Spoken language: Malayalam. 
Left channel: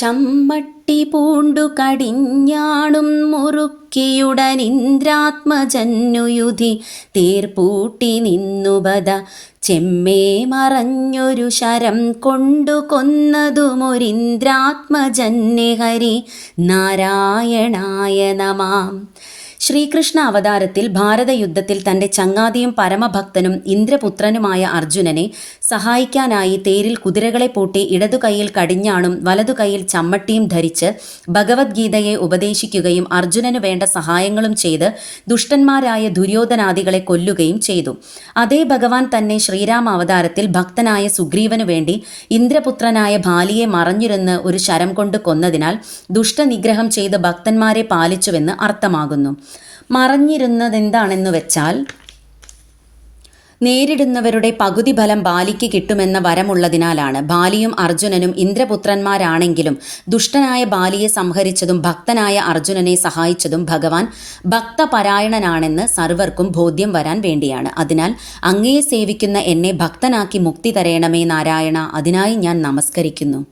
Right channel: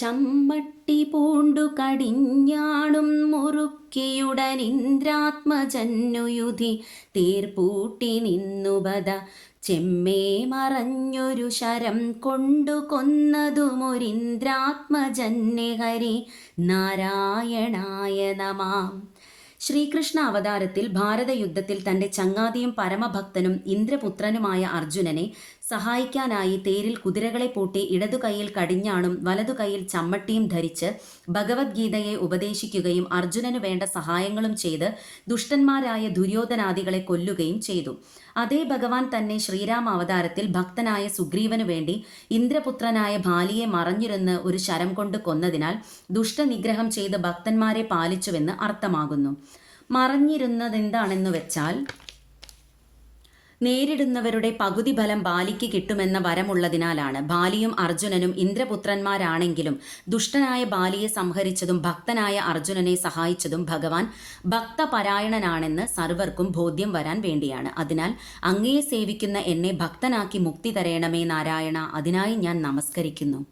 ചമ്മട്ടി പൂണ്ടു കടിഞ്ഞാണും മുറുക്കിയുടനിന്ദ്രാത്മജന്നുയുധി തേർപൂട്ടി നിന്നുപത ചെമ്മേ മറഞ്ഞൊരു ശരം കൊണ്ടു കൊന്നതുമൊരിന്ദ്രാത്മജന്യ ഹരി നാരായണായ നമാം. ശ്രീകൃഷ്ണ അവതാരത്തിൽ ഭാരതയുദ്ധത്തിൽ തൻ്റെ ചങ്ങാതിയും പരമഭക്തനും ഇന്ദ്രപുത്രനുമായ അർജുനനെ സഹായിക്കാനായി തേരിൽ കുതിരകളെ പൂട്ടി ഇടതു കൈയിൽ കടിഞ്ഞാണും വലതു കൈയിൽ ചമ്മട്ടിയും ധരിച്ച് ഭഗവത്ഗീതയെ ഉപദേശിക്കുകയും അർജുനനു വേണ്ട സഹായങ്ങളും ചെയ്ത് ദുഷ്ടന്മാരായ ദുര്യോധനാദികളെ കൊല്ലുകയും ചെയ്തു. അതേ ഭഗവാൻ തന്നെ ശ്രീരാമ അവതാരത്തിൽ ഭക്തനായ സുഗ്രീവനു വേണ്ടി ഇന്ദ്രപുത്രനായ ബാലിയെ മറഞ്ഞിരുന്ന് ഒരു ശരം കൊണ്ട് കൊന്നതിനാൽ ദുഷ്ടനിഗ്രഹം ചെയ്ത് ഭക്തന്മാരെ പാലിച്ചുവെന്ന് അർത്ഥമാകുന്നു. മറഞ്ഞിരുന്നതെന്താണെന്നു വെച്ചാൽ നേരിടുന്നവരുടെ പകുതി ഫലം ബാലിക്ക് കിട്ടുമെന്ന വരമുള്ളതിനാലാണ്. ബാലിയും അർജുനനും ഇന്ദ്രപുത്രന്മാരാണെങ്കിലും ദുഷ്ടനായ ബാലിയെ സംഹരിച്ചതും ഭക്തനായ അർജുനനെ സഹായിച്ചതും ഭഗവാൻ ഭക്തപരായണനാണെന്ന് സർവർക്കും ബോധ്യം വരാൻ വേണ്ടിയാണ്. അതിനാൽ അങ്ങയെ സേവിക്കുന്ന എന്നെ ഭക്തനാക്കി മുക്തി തരയണമേ നാരായണ, അതിനായി ഞാൻ നമസ്കരിക്കുന്നു.